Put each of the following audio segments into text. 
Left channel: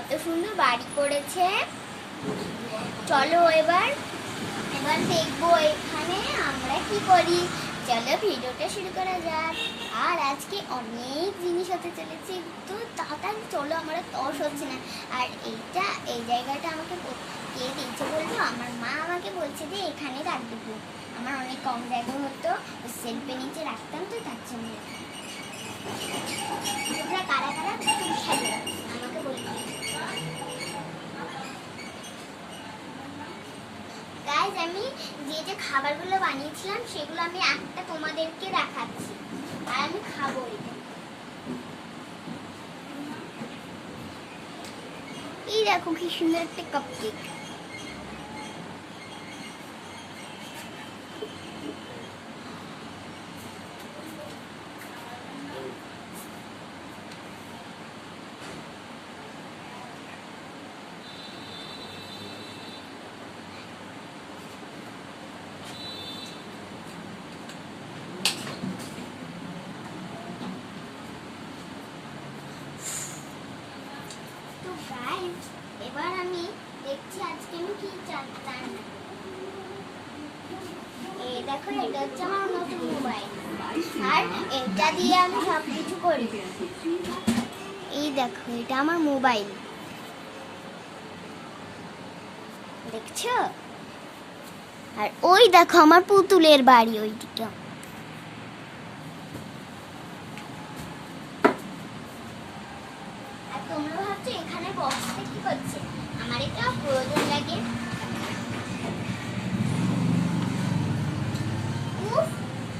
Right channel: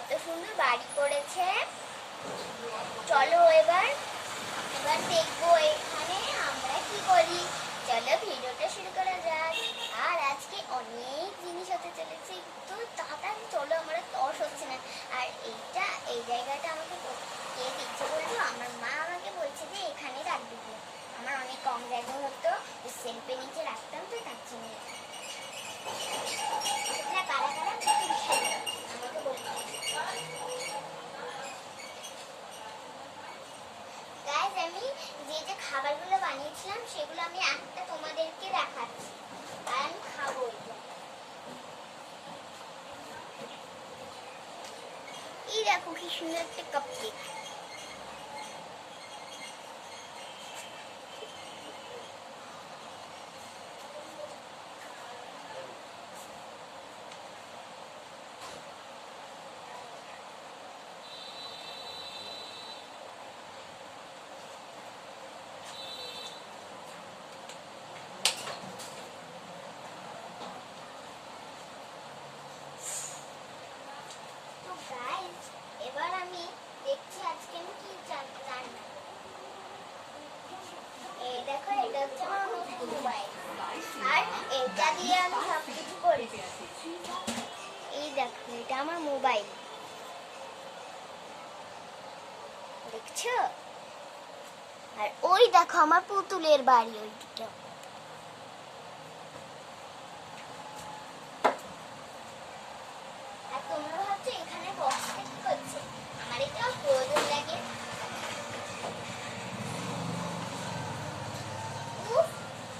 কত সুন্দর বাড়ি করেছে। চলো এবার দেখবো এখানে আমরা কি করি। চলো ভিডিওটা শুরু করা যাক। আর আজকে অনেক জিনিস হতে চলেছে, তো তাড়াতাড়ি চলো, আমরা তস হচ্ছে না। আর এই জায়গাটা আমাকে কে দিয়েছে বলবো, আমার মা আমাকে বলছে যে এখানে রাখবি তুই। আমার অনেক কম জায়গা হতো, সেলফের নিচে রাখতাম, তো তার জন্য তোমরা কারা কারা খেলে আমাকে বলতে। গাইস, আমি যে খাবারগুলো বানিয়েছিলাম সেগুলো আমি একটা তোমাদেরকে দেখাচ্ছি, আর আমি খাবো এটা। এই দেখো কি সুন্দর একটা কাপকেক। এবার আমি দেখছি আজকে আমি কি রান্না। এই দেখো, এটা হচ্ছে আমার নতুন মোবাইল, আর এটা দিয়ে আমি সবকিছু করি। এই দেখো, এটা আমার মোবাইল, দেখছো? আর ওই দেখো আমার পুতুলের বাড়ি ওইদিকে। আর তোমরা ভাবছো এখানে বক্সটা কি করছে, আমার এটা প্রয়োজন লাগে।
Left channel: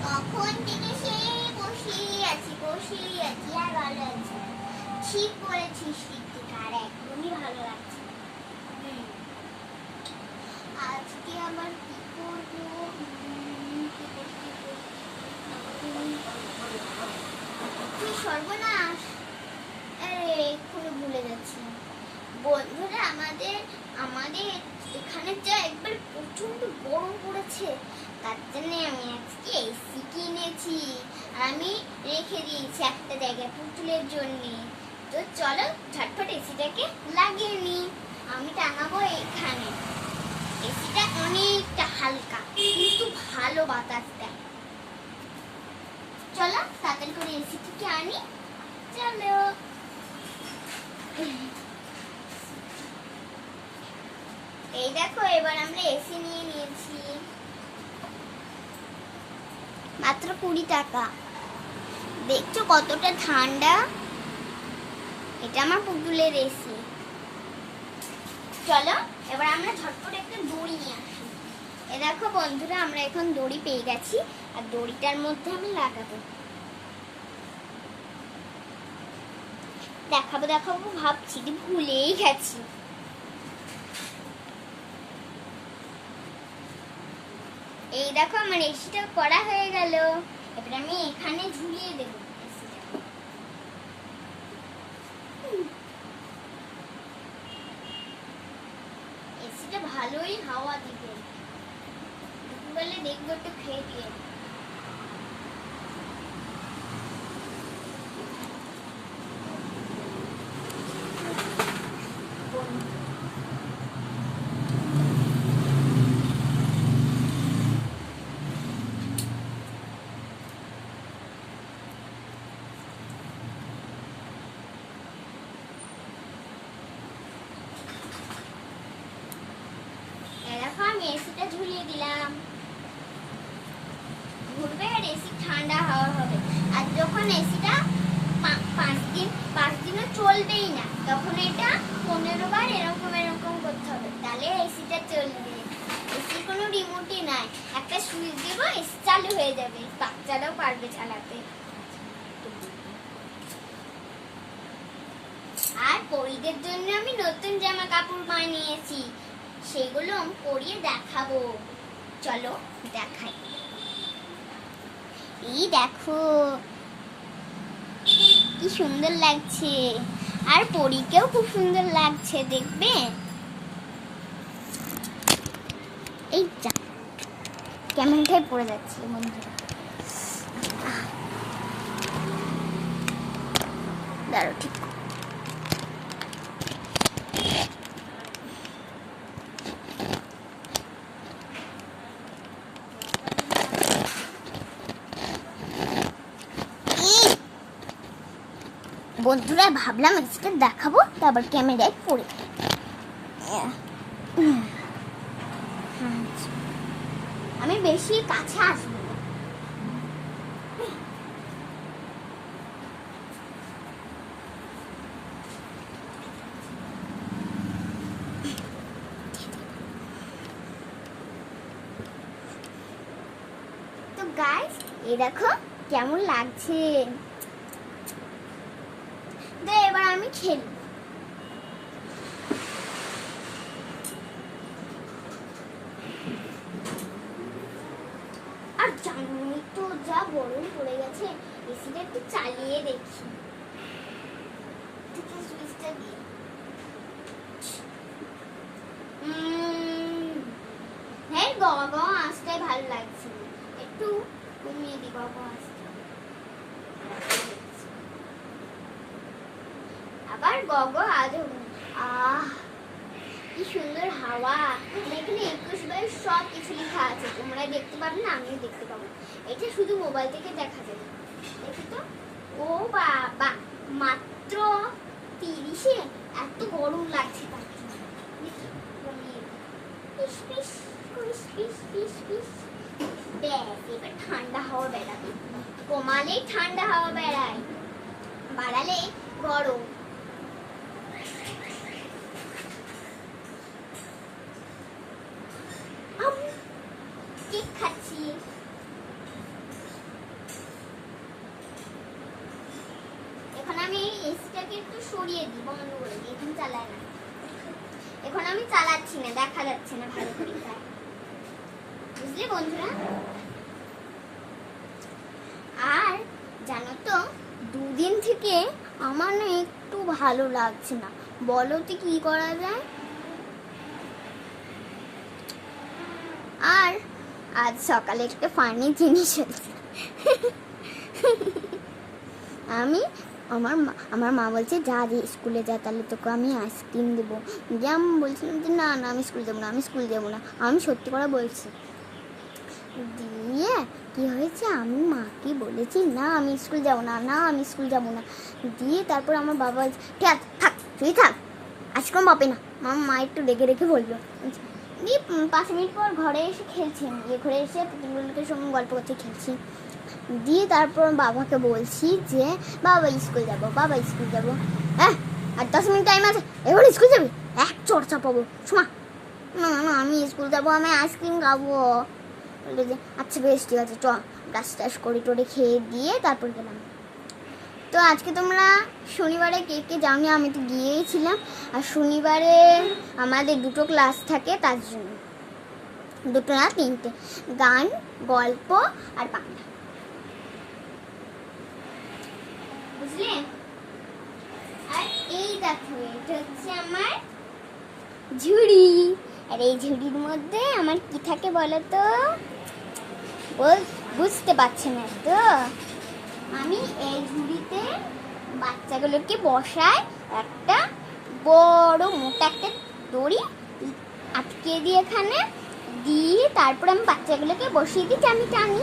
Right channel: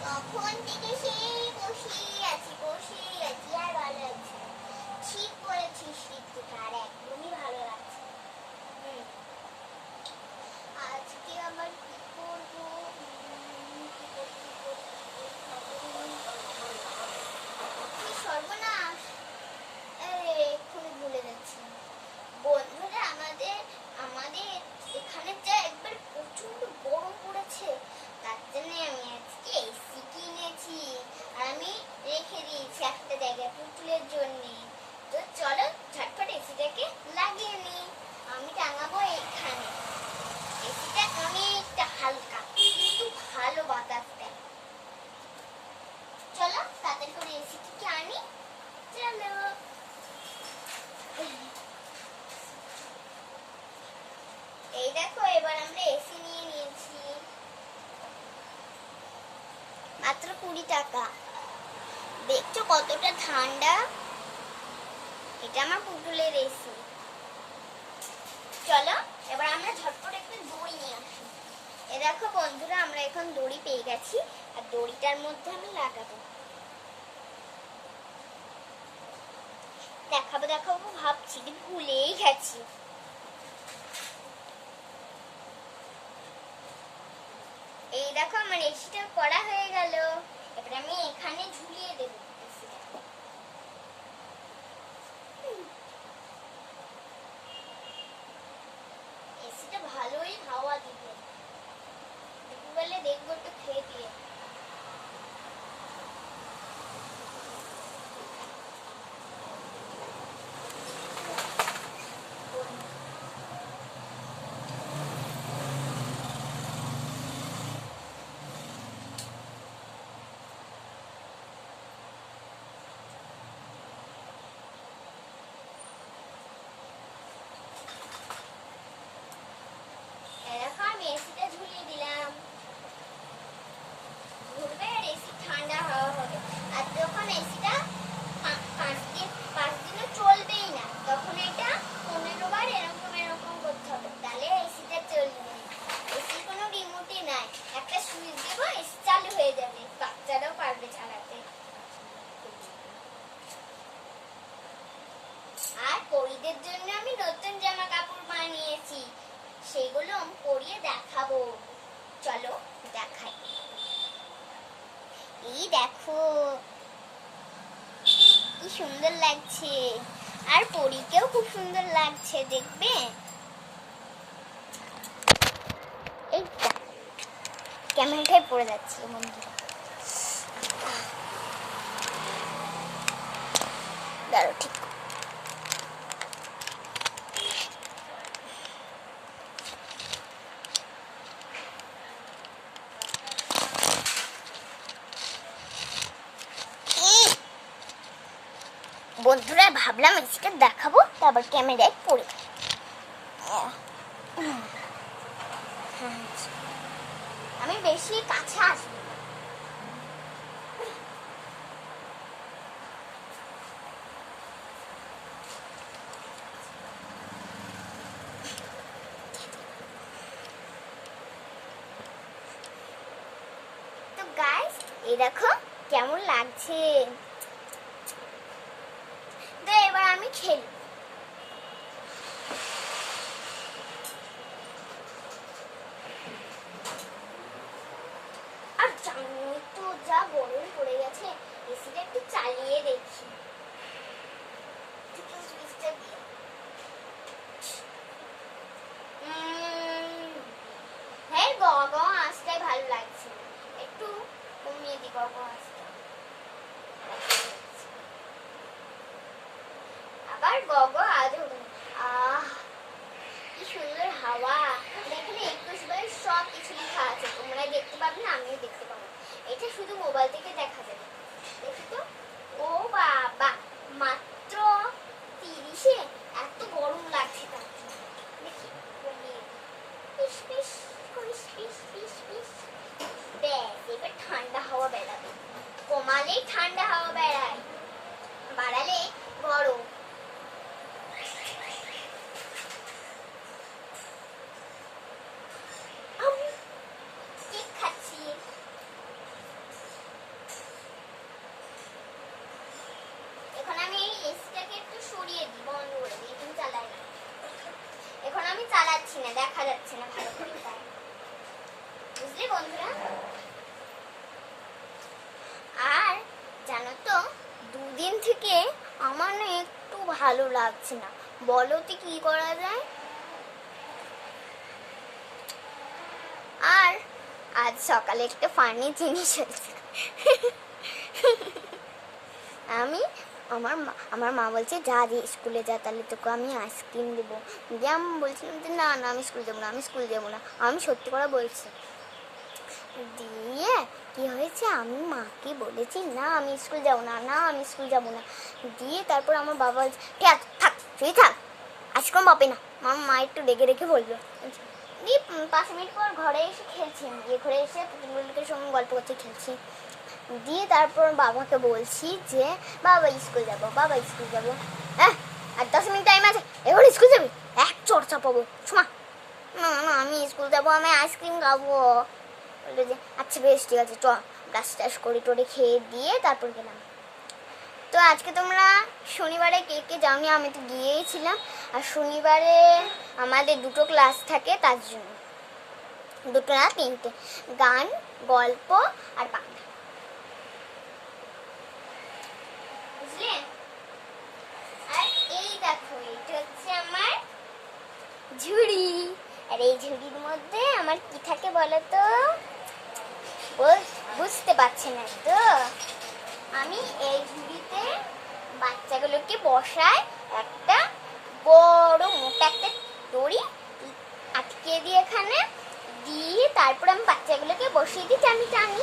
তখন থেকে সেই বসেই আছি আর ভালো লাগছে। ঠিক বলেছিস ঋত্বিকা, আর একদমই ভালো লাগছে। আজকে আমার কি করবো, সর্বনাশ, এক্ষুনি ভুলে যাচ্ছি। বন্ধুরা, আমাদের এখানে যা একবার প্রচন্ড গরম পড়েছে, তার জন্য আমি আজকে এসি কিনেছি, আর আমি রেখে দিয়েছি একটা জায়গায় পুতুলের জন্য। তো চলো ঝটফট এসিটাকে লাগিয়ে নি। আমি টাঙাবো এখানে। এসিটা অনেকটা হালকা, কিন্তু ভালো বাতাস দেয়। চলো তাড়াতাড়ি করে এসিটিকে আনি। চলো, এই দেখো, এবার আমরা এসি নিয়ে নিয়েছি, মাত্র 20 টাকা। দেখছো কতটা ঠান্ডা। এটা আমার পুতুলের এসি। চলো এবার আমরা ঝটপট একটা দড়ি নিয়ে আসি। এ দেখো বন্ধুরা, আমরা এখন দড়ি পেয়ে গেছি, আর দড়িটার মধ্যে আমি লাগাবো। দেখাবো ভাবছি, ভুলেই গেছি। এই দেখো, আমার এসিটা করা হয়ে গেল। এবার আমি এখানে ঝুলিয়ে দেবো এসিটা। এসিটা ভালোই হাওয়া দিবে, বলে দেখবো একটু খেয়ে দিয়ে। আমি এসিটা ঝুলিয়ে দিলাম, ঘুরবে আর এসি ঠান্ডা হাওয়া হবে। আর যখন এসিটা 5 দিনও চলবেই না, তখন এটা 15 বার এরকম করতে হবে, তাহলে এসিটা চলবে। এসির কোনো রিমোটই নাই, একটা সুইচ দেবো, এসি চালু হয়ে যাবে, বাচ্চারাও পারবে চালাতে। আর পরীদের জন্য আমি নতুন জামা কাপড় বানিয়েছি, সেগুলো আমি পরিয়ে দেখাবো। চলো দেখাই। এই দেখো কি সুন্দর লাগছে, আর পরীকেও খুব সুন্দর লাগছে, দেখবে। এইটা ক্যামেরাটাই পড়ে যাচ্ছে বন্ধুরা, দাঁড়ো ঠিক। বন্ধুরা ভাবলাম এসিটা দেখাবো, তারপর ক্যামেরায় পড়ে। আমি বেশি কাছে আসবো না। তো গাইস, এই দেখো কেমন লাগছে। তো এবার আমি খেলি। আর জানোই তো যা গরম পড়ে গেছে, এসিটা একটু চালিয়ে দেখি। হ্যাঁ, গগ আসতে ভালো লাগছে, একটু কমিয়ে দি গগ আসতে। আবার গগ আজ কি সুন্দর হাওয়া। এখানে 21/22 সব কিছু লেখা আছে, তোমরা দেখতে পাবে না, আমিও দেখতে পাবো। এটা শুধু মোবাইল থেকে দেখা যাবে। দেখি তো, ও বাবা, মাত্র 30-এ এত গরম লাগছে। তার দেখি কমিয়ে পিস পিস করিস, পিস পিস পিস। ব্যাস, এবার ঠান্ডা হাওয়া বেড়াবে। কমালেই ঠান্ডা হাওয়া বেড়ায়, বাড়ালে গরম। কেক খাচ্ছি। এখন আমি এসিটাকে একটু সরিয়ে দিই, বন্ধ করে দিই, এখন চালাই না। এখন আমি চালাচ্ছি না, দেখা যাচ্ছে না ভালো করে, তাই বুঝলি বন্ধুরা। আর জানো তো, দুদিন থেকে আমার না একটু ভালো লাগছে না। বলো তো কি করা যায়। আর আজ সকালে একটা ফানি জিনিস হয়েছে। আমার মা বলছে যা স্কুলে যা, তাহলে তোকে আমি আইসক্রিম দেবো। দিয়ে আমি বলছিলাম যে না না, আমি স্কুল যাবো না, আমি স্কুল যাবো না। আমি সত্যি করে বলছি। দিয়ে কি হয়েছে, আমি মাকে বলেছি না আমি স্কুল যাবো না, না আমি স্কুল যাবো না। দিয়ে তারপর আমার বাবা ঠিক থাক, তুই থাক, আইসক্রিম পাবে না। মা একটু রেখে রেখে বললো। দিয়ে 5 মিনিট পর ঘরে এসে খেলছি, ঘরে এসে পুতুলগুলোকে সঙ্গে গল্প করতে খেলছি। দিয়ে তারপর বাবাকে বলছি যে বাবা স্কুল যাবো, বাবা স্কুল যাবো। হ্যাঁ, আর 10 মিনিট টাইম আছে, এবার স্কুল যাবি? এক চর্চা পাবো শোনা। না না, আমি স্কুল যাবো, আমি আইসক্রিম খাবো। বললো যে আচ্ছা বেশ ঠিক আছে, চ। ব্রাশ টাশ করে টোরে খেয়ে দিয়ে তারপর গেলাম। তো আজকে তোমরা শনিবারে কে কে যাওনি? আমি তো গিয়েছিলাম। আর শনিবারে আমাদের 2টো ক্লাস থাকে, তার জন্য 2টো না 3টে, গান, গল্প আর বাংলা, বুঝলে। আর এই দেখো, এটা হচ্ছে আমার ঝুড়ি। আর এই ঝুড়ির মধ্যে আমার কি থাকে বলো তো? বুঝতে পারছে না তো? আমি এই ঝুড়িতে বাচ্চাগুলোকে বসাই, একটা বড় মোটা একটা দড়ি আটকে দিয়ে এখানে দিয়ে তারপর আমি বাচ্চাগুলোকে বসিয়ে দিই, টানি টানি।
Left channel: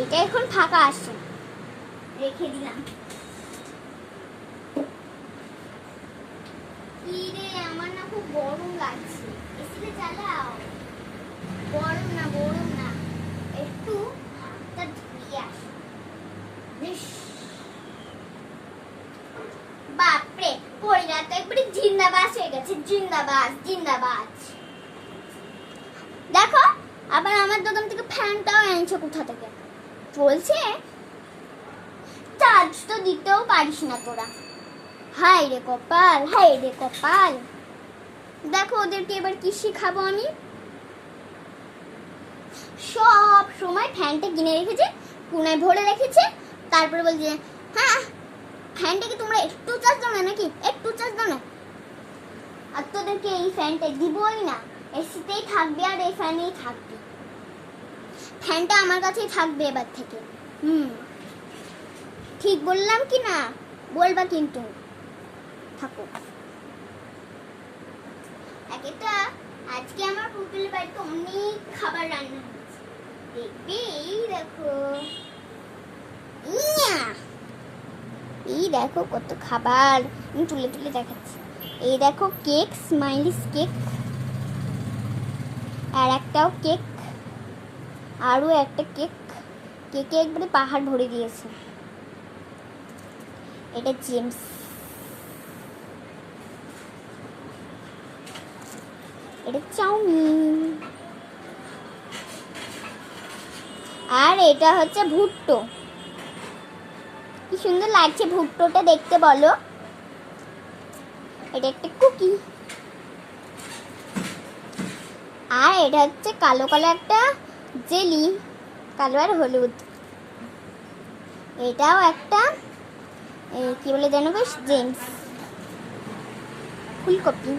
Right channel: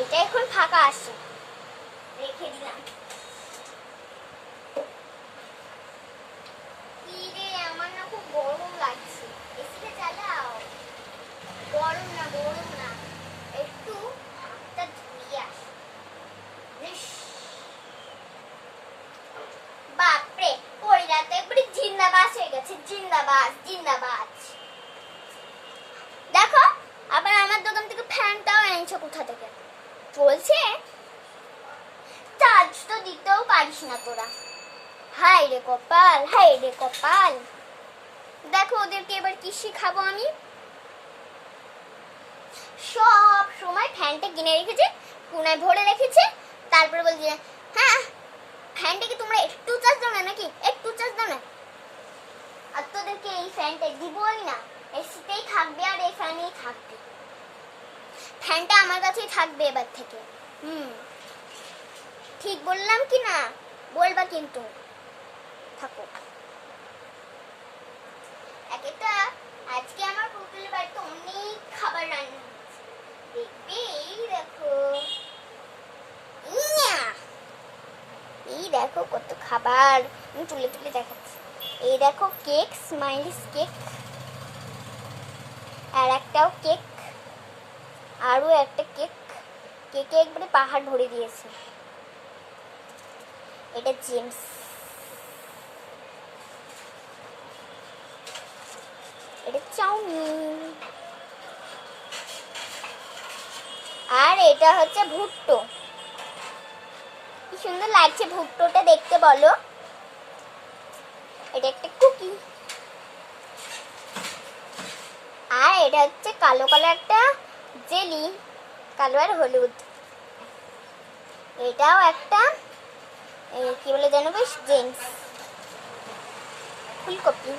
এটা এখন ফাঁকা আসছে, রেখে দিলাম। আমার না খুব গরম লাগছে, এসিটা চালাও। গরম না, গরম না, একটু হাতটা ধুয়ে আসি। বাপরে, পরিরা তো একবারে জিন্দাবাদ হয়ে গেছে, জিন্দাবাদ জিন্দাবাদ। দেখো, আবার আমার দোকান থেকে ফ্যানটাও এনেছে কোথা থেকে। বলছে চার্জ তো দিতেও পারিস না তোরা। হায় রে কপাল, হায় রে কপাল। দেখো ওদেরকে এবার কি শিখাবো আমি। সব সময় ফ্যানটা কিনে রেখেছে, কোনায় ভরে রেখেছে, তারপরে বলছে হ্যাঁ ফ্যানটাকে তোমরা একটু চার্জ দাও না, নাকি একটু চার্জ দাও না। আর তোদেরকে এই ফ্যানটা দিবই না, এসিতেই থাকবে আর এই ফ্যানেই থাকবে। ফ্যানটা আমার কাছেই থাকবে এবার থেকে। ঠিক বললাম কি না? বলবা কিন্তু। থাকো। একটা আজকে আমার পুতুলের বাড়িতে অনেক খাবার রান্না হয়েছে, দেখবে। এই দেখো, এই দেখো কত খাবার, আমি তুলে তুলে দেখাচ্ছি। এই দেখো কেক, স্মাইলিস কেক, আর একটাও কেক, আরও একটা কেক। কেকে একবারে পাহাড় ভরে দিয়েছে। এটা জেমস, এটা চাউমিন, আর এটা হচ্ছে ভুট্টো। কি সুন্দর লাগছে ভুট্টোটা দেখতে বলো। এটা একটা কুকি, আর এটা হচ্ছে কালো কালো একটা জেলি, কালো আর হলুদ। এটাও একটা কি বলে জানো বেশ, জেমস। ফুলকপি।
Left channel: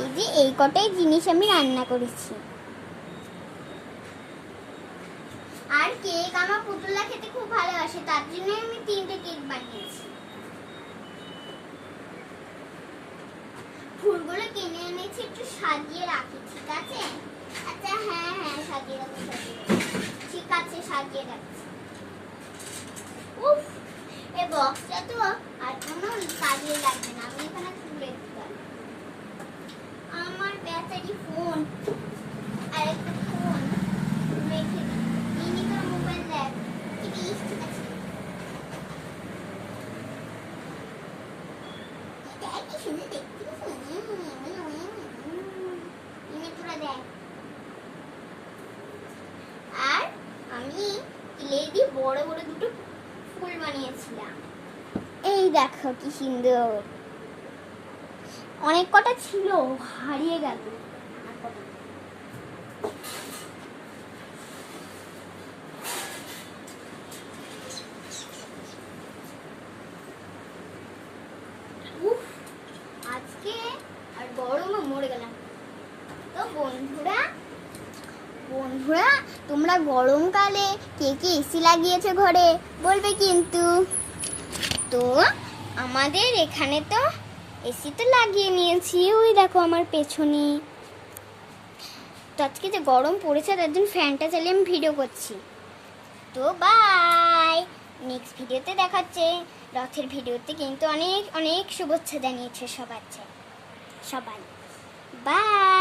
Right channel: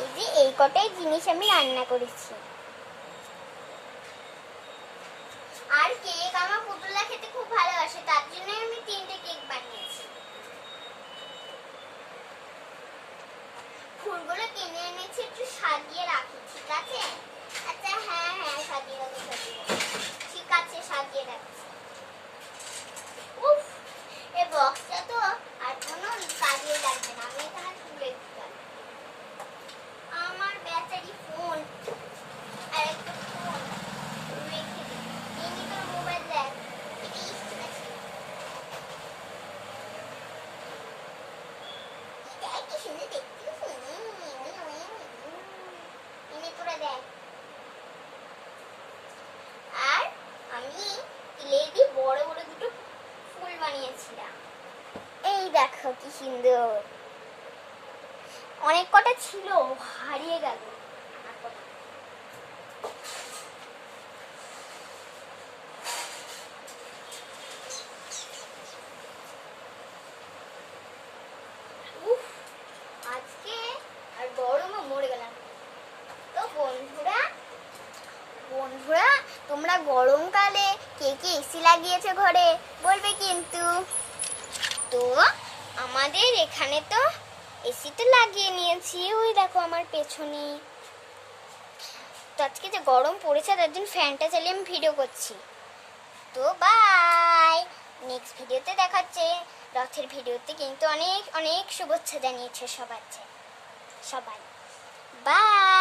এই যে এই কটাই জিনিস আমি রান্না করেছি। আর কেক আমার পুতুলা খেতে খুব ভালোবাসে, তার জন্য আমি 3টে কেক বানিয়েছি। ফুলগুলো কিনে এনেছি, একটু সাজিয়ে রাখি, ঠিক আছে? আচ্ছা হ্যাঁ হ্যাঁ, সাজিয়ে রাখো, ঠিক আছে, সাজিয়ে রাখছি। উফ, এই বক্সটা তো আর কোনো কাজে লাগবে না, আমি এখানে তুলে দিলাম। আমার ব্যাটারি ফোন আর একটা ফোন রেখে দিই, তোর মোবাইল দেখ। ঠিক আছে, কি সুন্দর দেখতে। আর আমি ক্লে দিয়ে বড় বড় দুটো ফুল বানিয়েছিলাম। এই দেখো কি সুন্দর, অনেক কটা ছিল, হারিয়ে গেল। আজকে আর গরমে মরে গেলাম। তো বন্ধুরা তোমরা গরমকালে কে কে এসি লাগিয়েছে ঘরে বলবে কিন্তু। তো আমাদের এখানে তো এসি তো লাগিয়ে নিয়েছি, ওই দেখো আমার পেছনে। তো আজকে যে গরম পড়েছে তার জন্য ফ্যানটা চালিয়ে আমি ভিডিও করছি। তো বাই, নেক্সট ভিডিওতে দেখা হচ্ছে। রথের ভিডিওতে কিন্তু অনেক অনেক শুভেচ্ছা জানিয়েছে সবাই। বাই।